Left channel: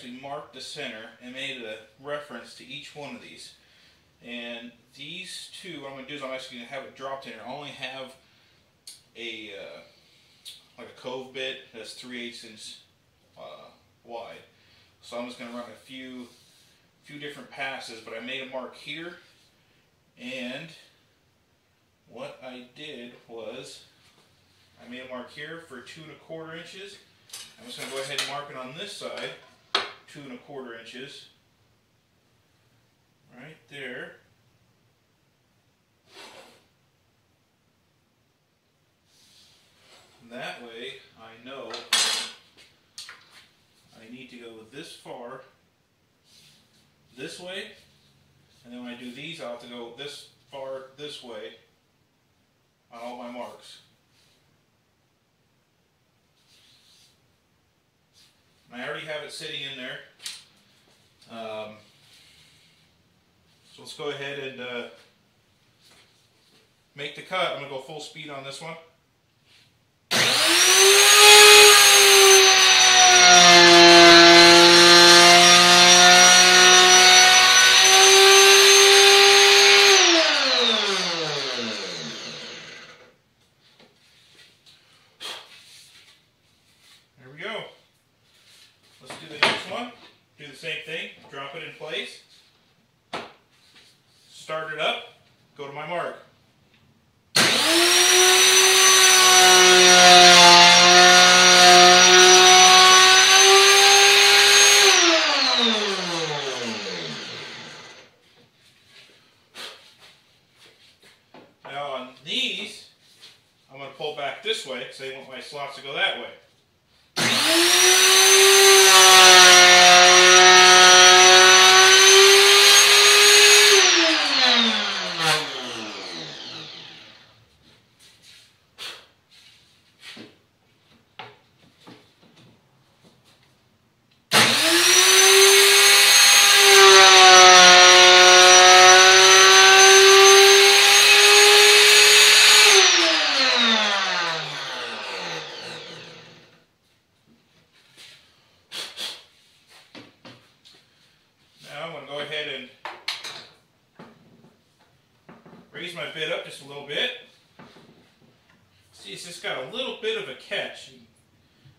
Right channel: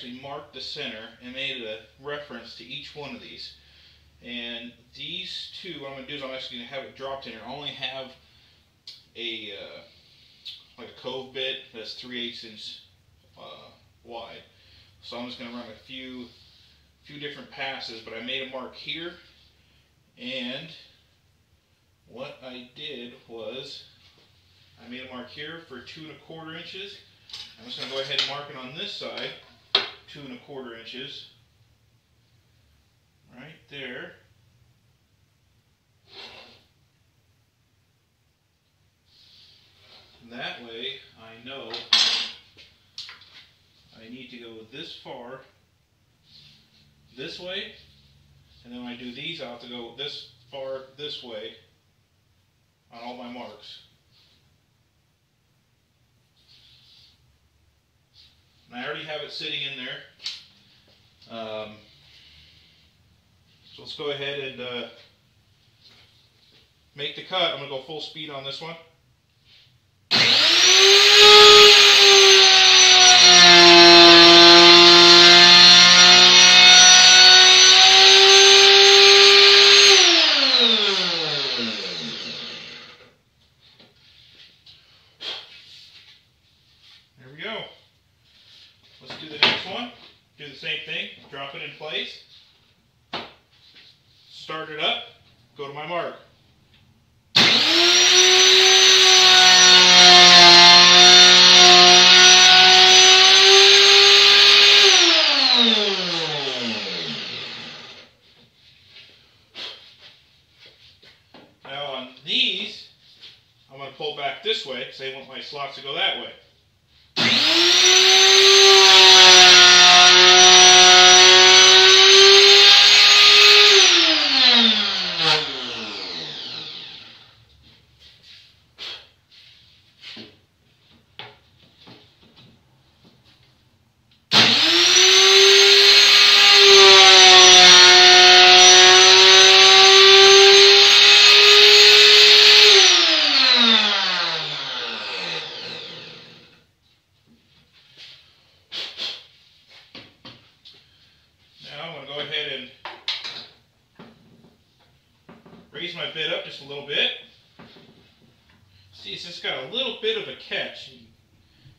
actually marked the center and made a reference to each one of these. And these two, what I'm going to do is I'm actually going to have it dropped in here. I only have a like a cove bit that's 3/8 inch wide. So I'm just going to run a few different passes, but I made a mark here, and what I did was I made a mark here for 2 1/4 inches. I'm just going to go ahead and mark it on this side, 2 1/4 inches, right there. That way I know I need to go this far, this way, and then when I do these I'll have to go this far, this way on all my marks. And I already have it sitting in there. So let's go ahead and make the cut. I'm going to go full speed on this one. Start it up, go to my mark. Now on these, I'm going to pull back this way because I want my slots to go that way. Raise my bit up just a little bit. See, it's just got a little bit of a catch,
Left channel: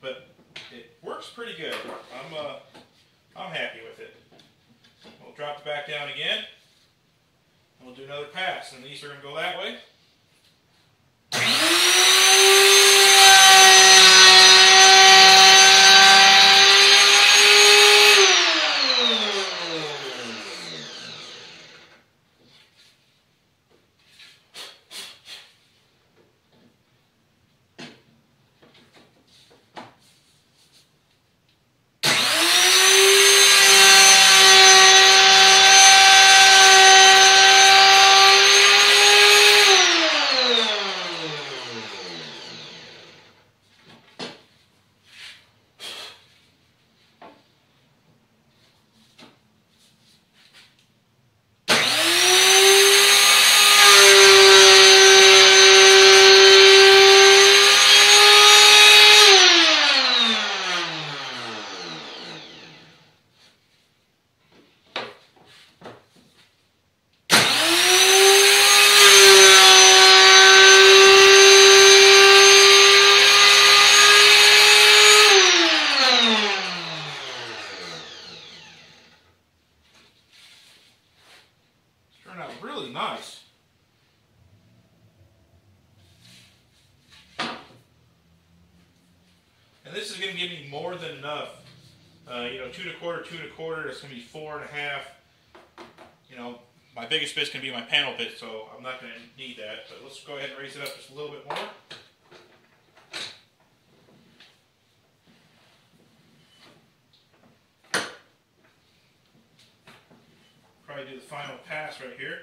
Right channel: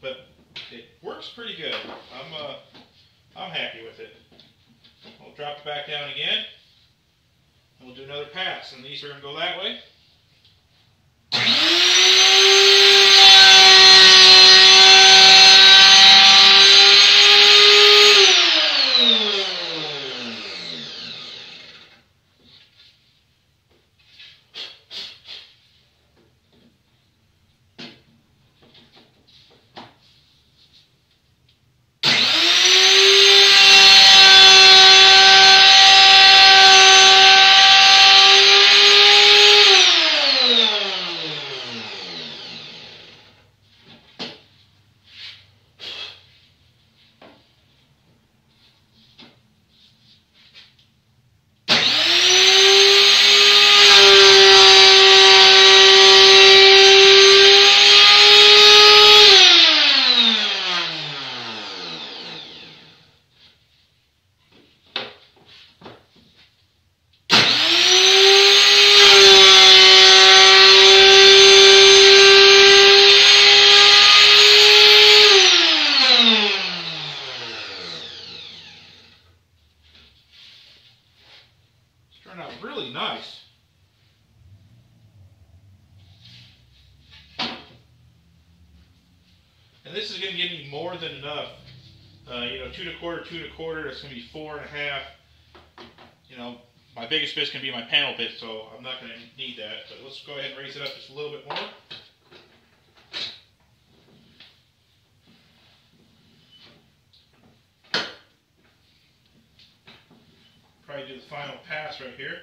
but it works pretty good. I'm happy with it. We'll drop it back down again. And we'll do another pass, and these are going to go that way. Really nice. And this is going to give me more than enough. 2 1/4, 2 1/4. That's going to be 4 1/2. My biggest bit's going to be my panel bit, so I'm not going to need that. But let's go ahead and raise it up just a little bit more. Probably do the final pass right here.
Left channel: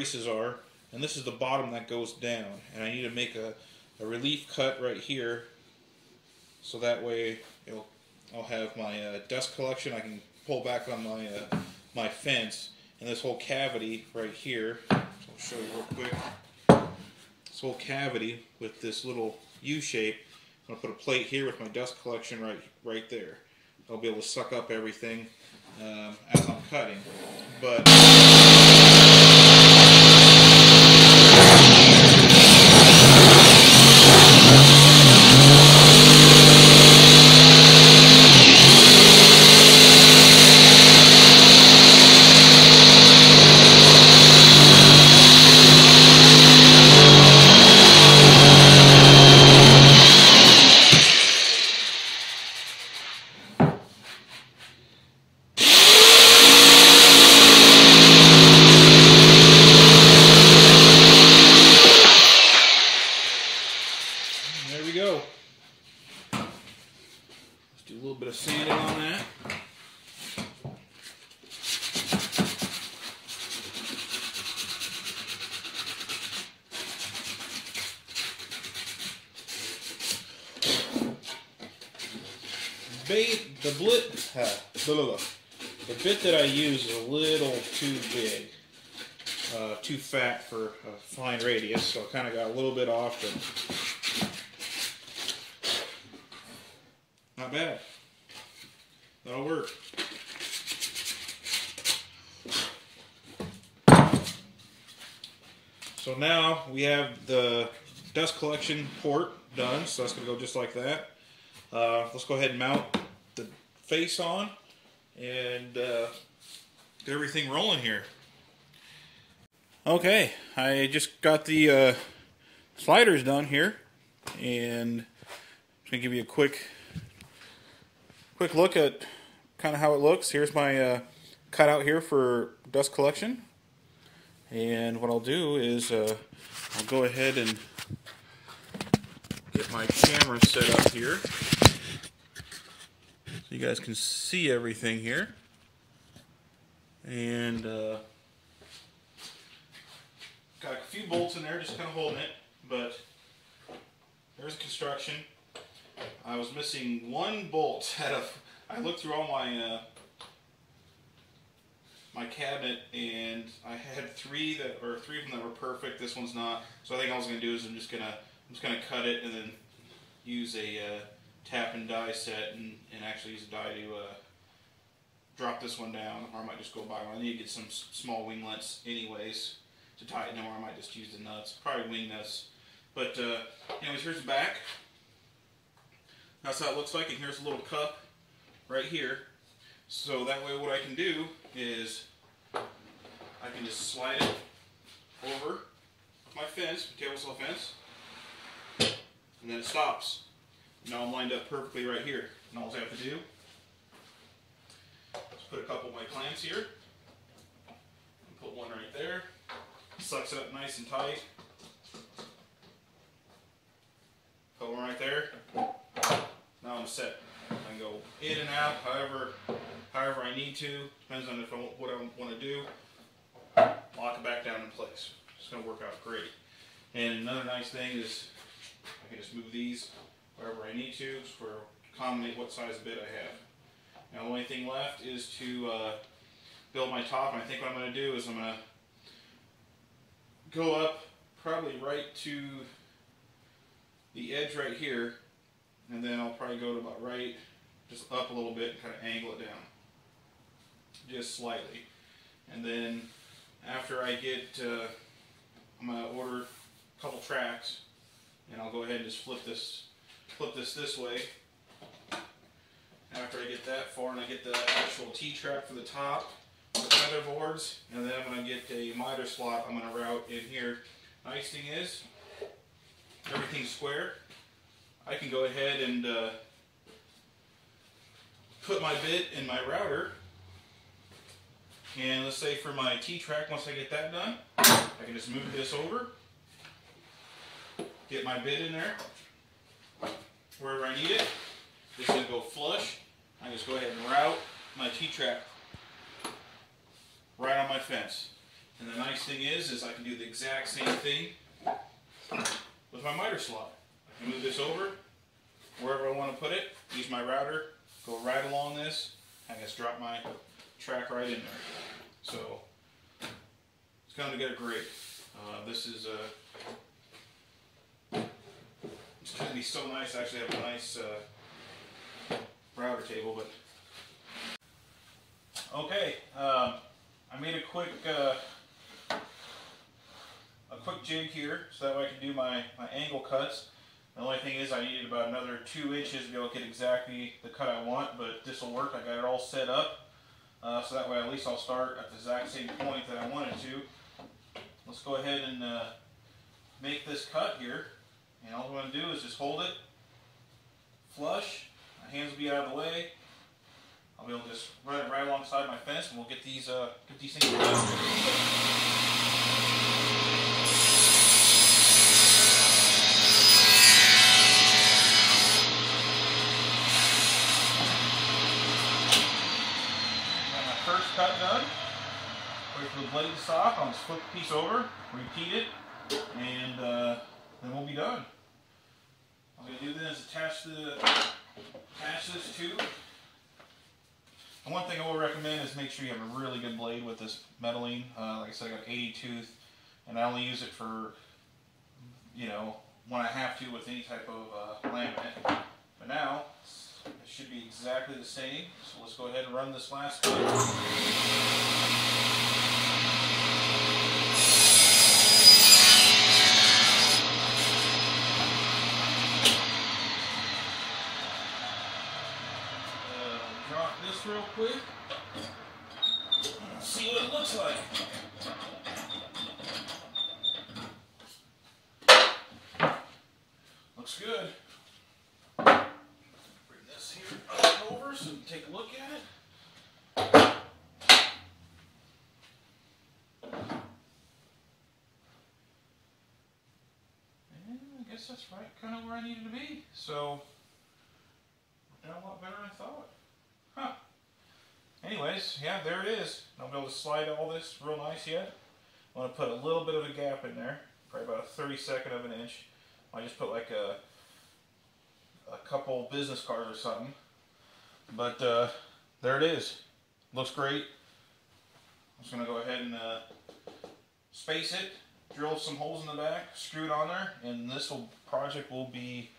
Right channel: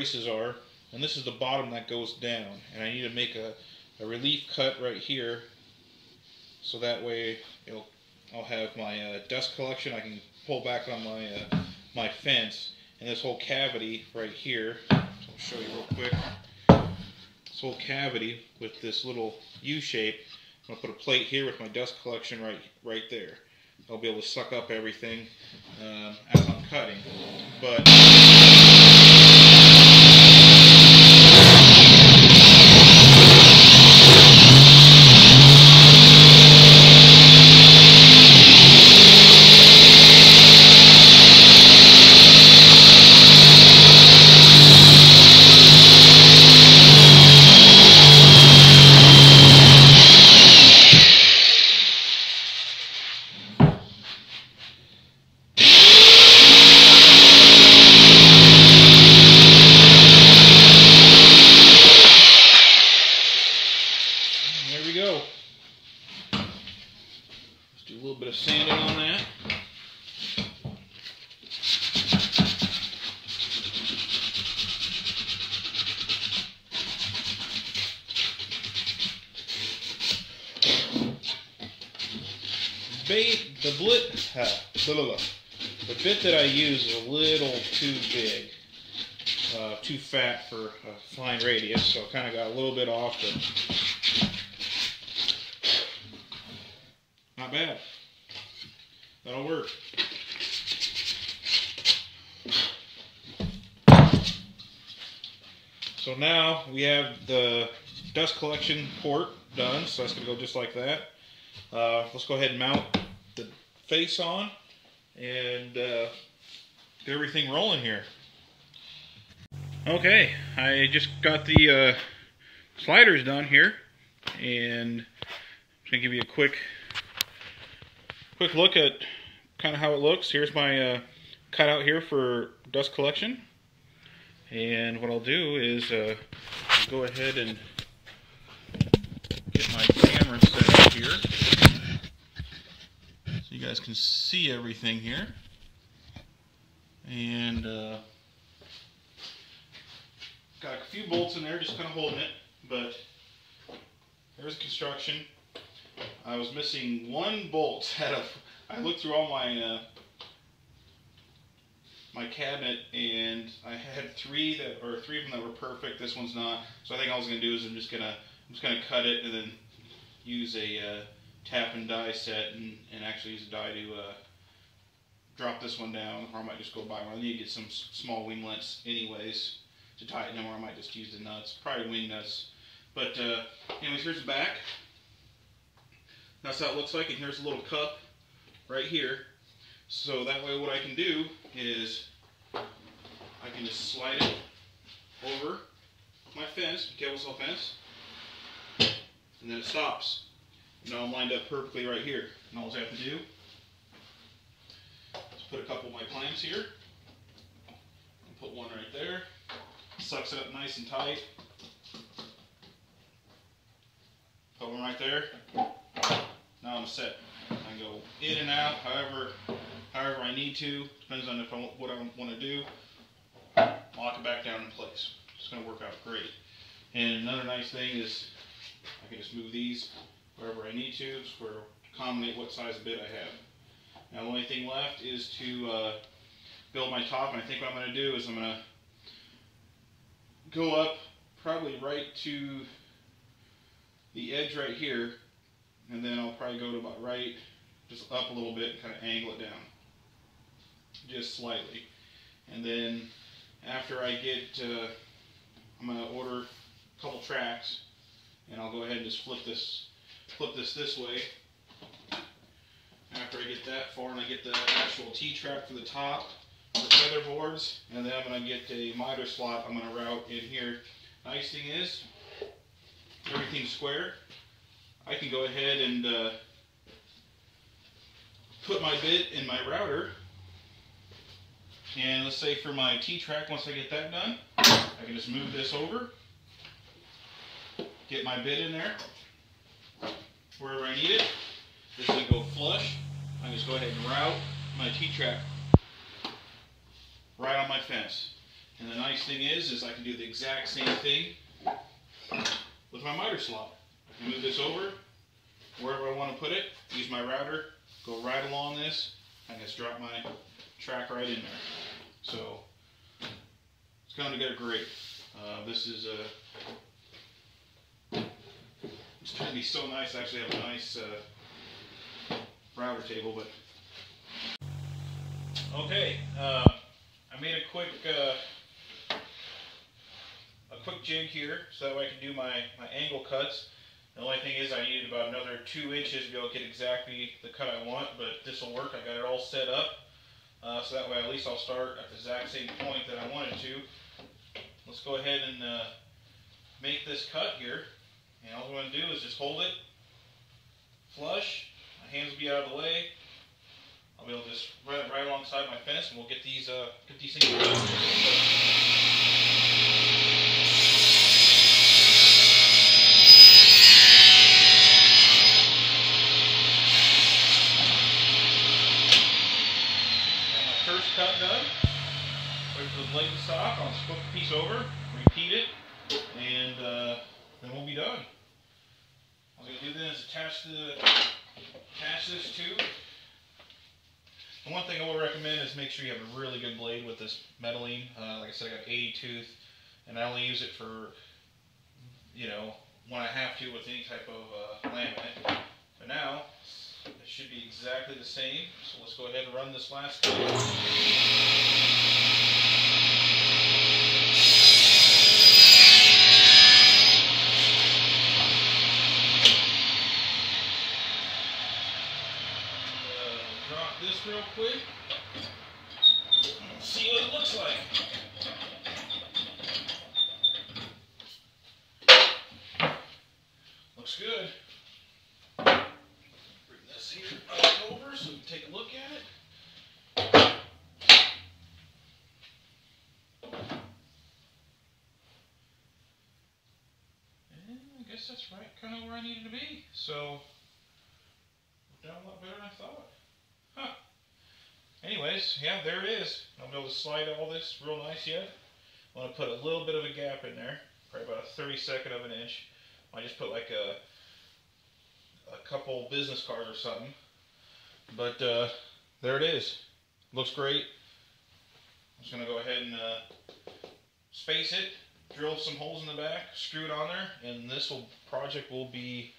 braces are, and this is the bottom that goes down. And I need to make a relief cut right here, so that way I'll have my desk collection. I can pull back on my fence, and this whole cavity right here. So I'll show you real quick. This whole cavity with this little U shape. I'm gonna put a plate here with my desk collection right there. I'll be able to suck up everything as I'm cutting. But the bit that I use is a little too big, too fat for a fine radius, so I kind of got a little bit off, but not bad. That'll work. So now we have the dust collection port done, so it's going to go just like that. Let's go ahead and mount the face on and get everything rolling here. Okay, I just got the sliders done here, and I'm just going to give you a quick look at kind of how it looks. Here's my cutout here for dust collection, and what I'll do is I'll go ahead and get my camera set up here so you guys can see everything here. And got a few bolts in there just kind of holding it, but there's construction. I was missing one bolt I looked through all my my cabinet, and I had three of them that were perfect. This one's not. So I think all I was gonna do is I'm just gonna cut it and then use a tap and die set and actually use a die to drop this one down, or I might just go buy one. I need to get some small winglets anyways to tighten them, or I might just use the nuts, probably wing nuts. But anyways, here's the back. That's how it looks like, and here's a little cup right here. So that way what I can do is I can just slide it over my fence, Tablesaw fence, and then it stops. Now I'm lined up perfectly right here. And all I have to do is put a couple of my clamps here, and put one right there, sucks it up nice and tight, put one right there. Now I'm set. I can go in and out however I need to, depends on what I want to do. Lock it back down in place. It's going to work out great. And another nice thing is I can just move these wherever I need to accommodate what size of bit I have. Now the only thing left is to build my top, and I think what I'm going to do is I'm going to go up probably right to the edge right here, and then I'll probably go to about right, just up a little bit, kind of angle it down, just slightly. And then after I get, I'm going to order a couple tracks, and I'll go ahead and just flip this way. After I get that far, and I get the actual T-track for the top, for the weatherboards, and then I'm going to get a miter slot I'm going to route in here. Nice thing is, everything's square. I can go ahead and put my bit in my router, and let's say for my T-track, once I get that done, I can just move this over, get my bit in there, wherever I need it. This is going to go flush. I just go ahead and route my T-track right on my fence. And the nice thing is is I can do the exact same thing with my miter slot. I can move this over wherever I want to put it, use my router, go right along this, and just drop my track right in there. So it's going to get great. This is it's going to be so nice. I actually have a nice router table, but okay. I made a quick jig here so that way I can do my angle cuts. The only thing is I needed about another 2 inches to be able to get exactly the cut I want, but this will work. I got it all set up, so that way at least I'll start at the exact same point that I wanted to. Let's go ahead and make this cut here, and all I'm going to do is just hold it flush. My hands will be out of the way. I'll be able to just run it right alongside my fence, and we'll get these things done. Cut done. Wait for the blade to stop. I'll just flip the piece over, repeat it, and then we'll be done. What I'm going to do then is attach this to. And one thing I would recommend is make sure you have a really good blade with this metaline. Like I said, I got 80 tooth, and I only use it for, you know, when I have to with any type of laminate. But now, it should be exactly the same. So let's go ahead and run this last cut. Drop this real quick. See what it looks like. Looks good. Bring this here over so we can take a look at it. And I guess that's right, kind of where I needed to be. So, done a lot better than I thought. Huh. Anyways, yeah, there it is. I'll be able to slide all this real nice yet. I'm going to put a little bit of a gap in there, probably about a 32nd of an inch. I just put like a couple business cards or something. But there it is. Looks great. I'm just going to go ahead and space it, drill some holes in the back, screw it on there, and this project will be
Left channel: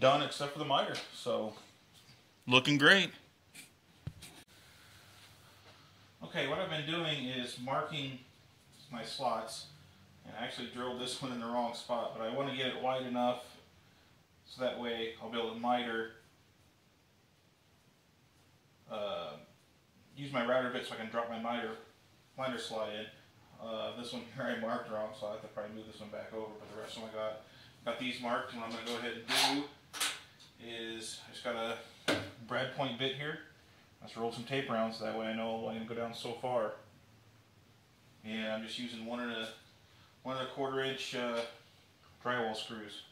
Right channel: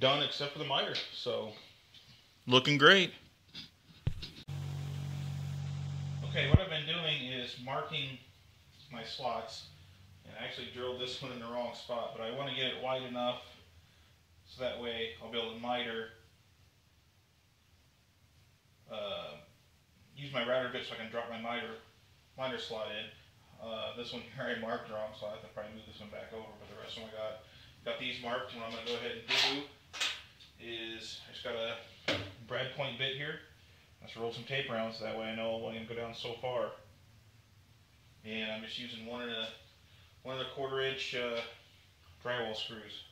done except for the miter. So, looking great. Okay, what I've been doing is marking my slots, and I actually drilled this one in the wrong spot, but I want to get it wide enough so that way I'll be able to miter, use my router bit so I can drop my miter slot in. This one here I marked wrong, so I have to probably move this one back over, but the rest of them I got these marked, and what I'm going to go ahead and do is I just got a brad point bit here. Let's roll some tape around so that way I know I'm only going to go down so far. And I'm just using one and a quarter inch drywall screws.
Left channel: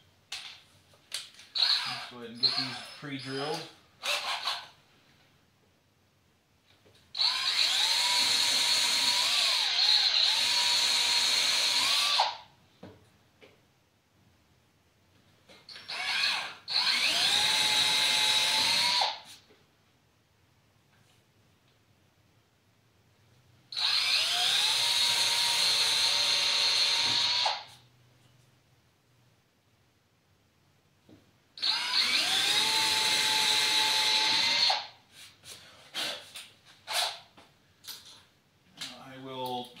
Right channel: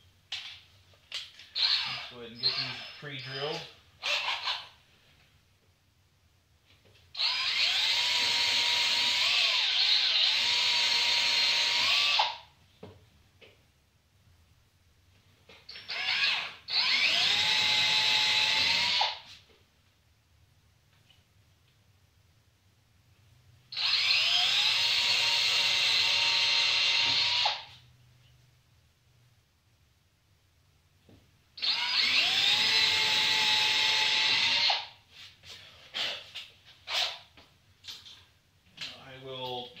Let's go ahead and get these pre-drilled.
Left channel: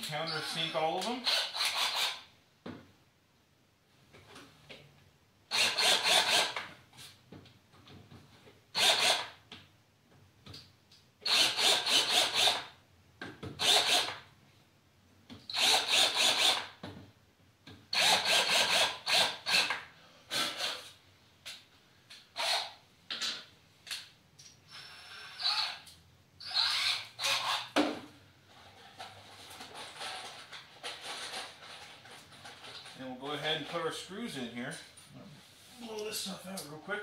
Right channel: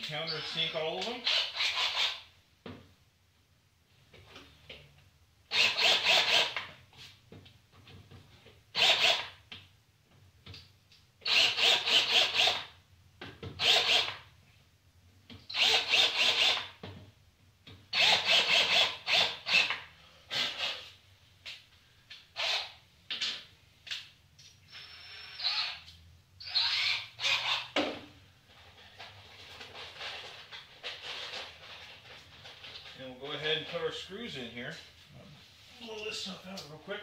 Countersink all of them. Go ahead and put our screws in here. Blow this stuff out real quick.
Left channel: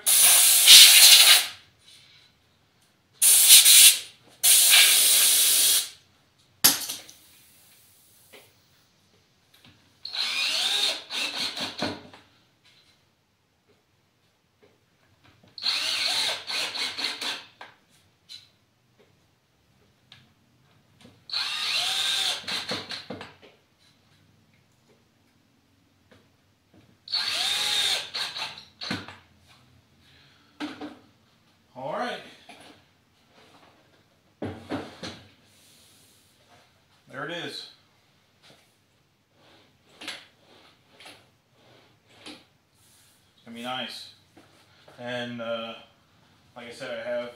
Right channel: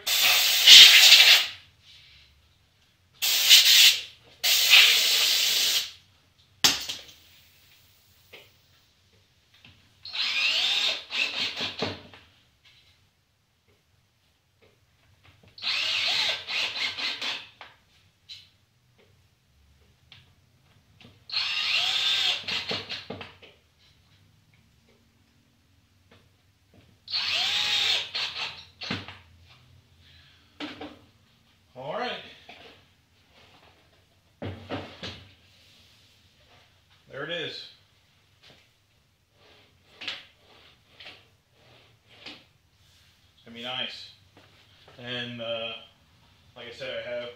have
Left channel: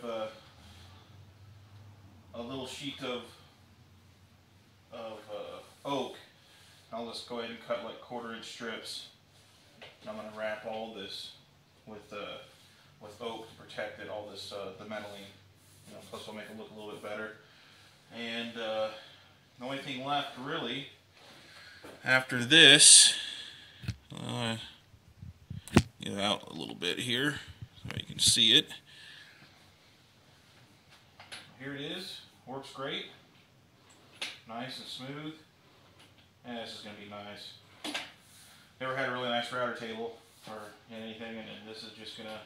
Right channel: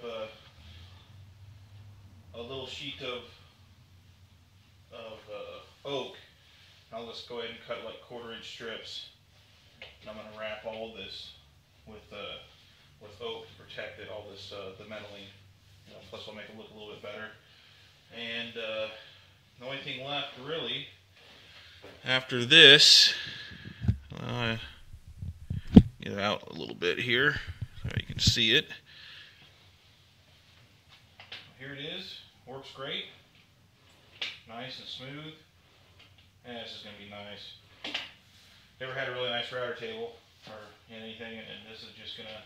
a little sheet of oak. I'll just go ahead and cut like 1/4 inch strips. And I'm going to wrap all this with oak to protect it. All this the metalline. Plus, it'll make it look a little bit better. And the only thing left really after this, get it out a little bit here so you can see it. Here it is. Works great. Nice and smooth. And this is going to be nice. Never had a really nice router table or anything, and this is just going to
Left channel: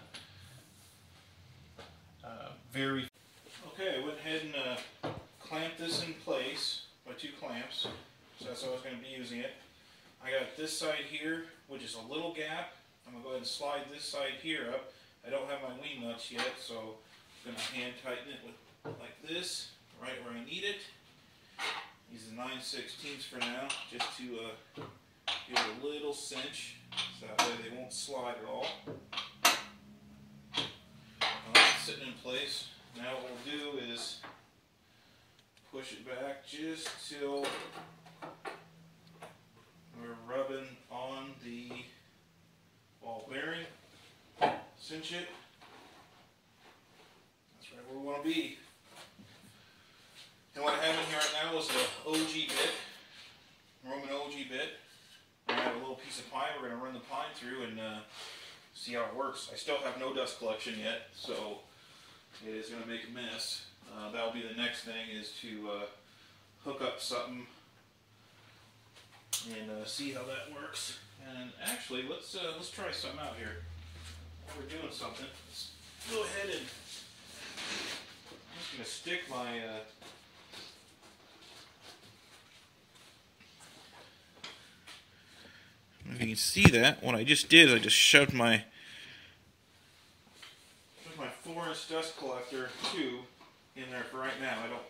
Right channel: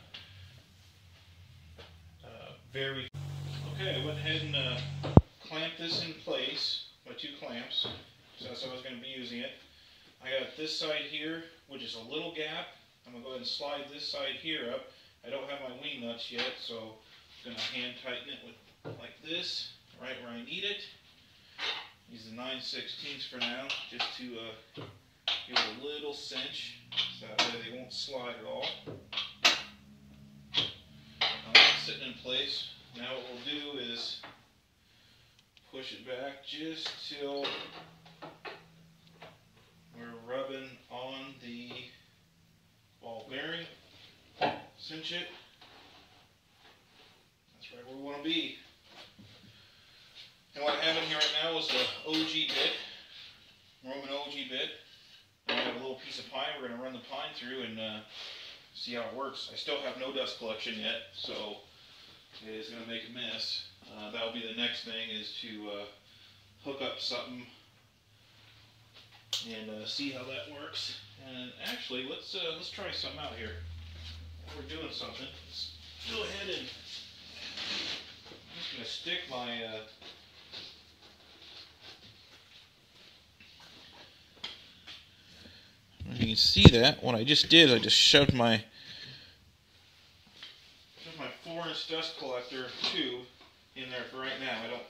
very. Okay, I went ahead and clamped this in place by 2 clamps. So that's how I was going to be using it. I got this side here, which is a little gap. I'm going to go ahead and slide this side here up. I don't have my wing nuts yet, so I'm going to hand tighten it with like this, right where I need it. Use the 9/16 for now, just to give it a little cinch, so that way they won't slide at all. It's sitting in place. Now what we'll do is push it back just till we're rubbing on the ball bearing. Cinch it. That's right where we want to be. And what I have in here right now is an OG bit, Roman OG bit. I have a little piece of pine. We're going to run the pine through and see how it works. I still have no dust collection yet, so it is going to make a mess. That will be the next thing, is to hook up something and see how that works. And actually, let's try something out here. While we're doing something, let's go ahead and I'm just going to stick my you can see that what I just did, I just shoved my 4-inch dust collector tube in there for right now. I don't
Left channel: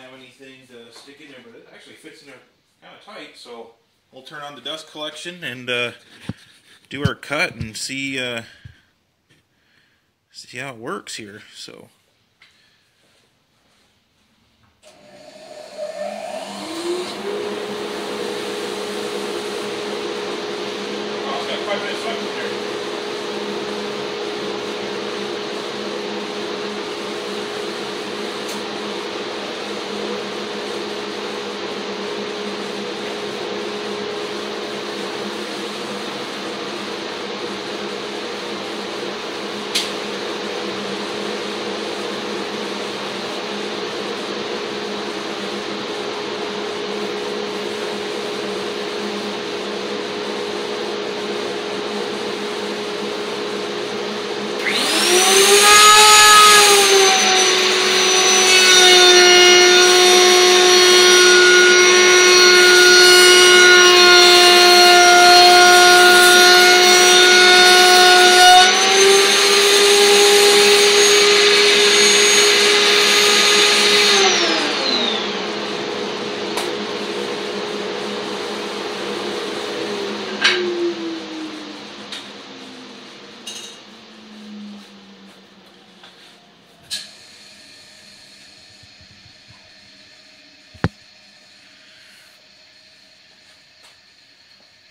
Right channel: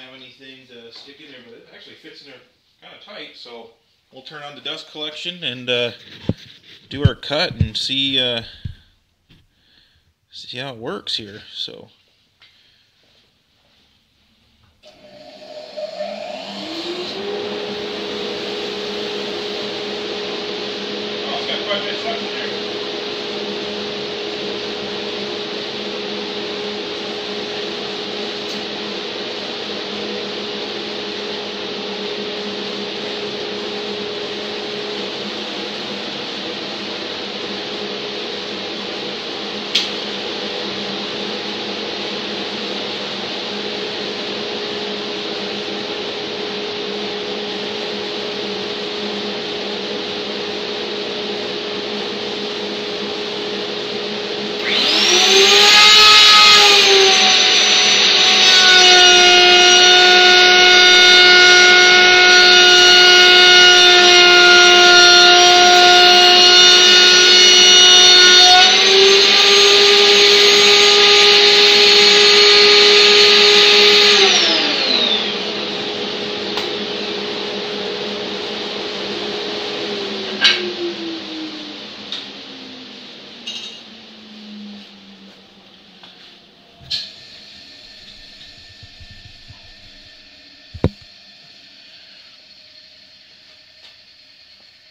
have anything to stick in there, but it actually fits in there kind of tight. So we'll turn on the dust collection and do our cut and see how it works here. So.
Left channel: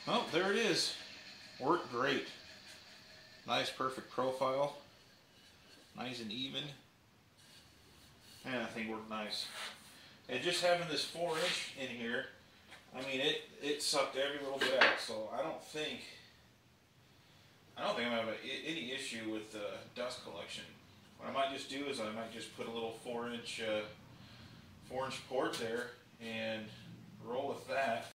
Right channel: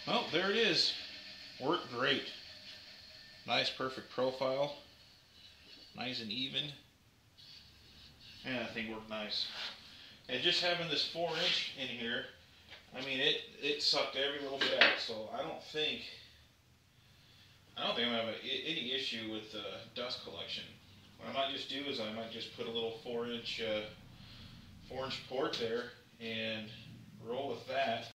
Oh, there it is. Worked great. Nice, perfect profile. Nice and even. And I think worked nice. And just having this 4-inch in here, I mean, it sucked every little bit out. So I don't think I'm gonna have any issue with dust collection. What I might just do is I might just put a little 4-inch port there and roll with that.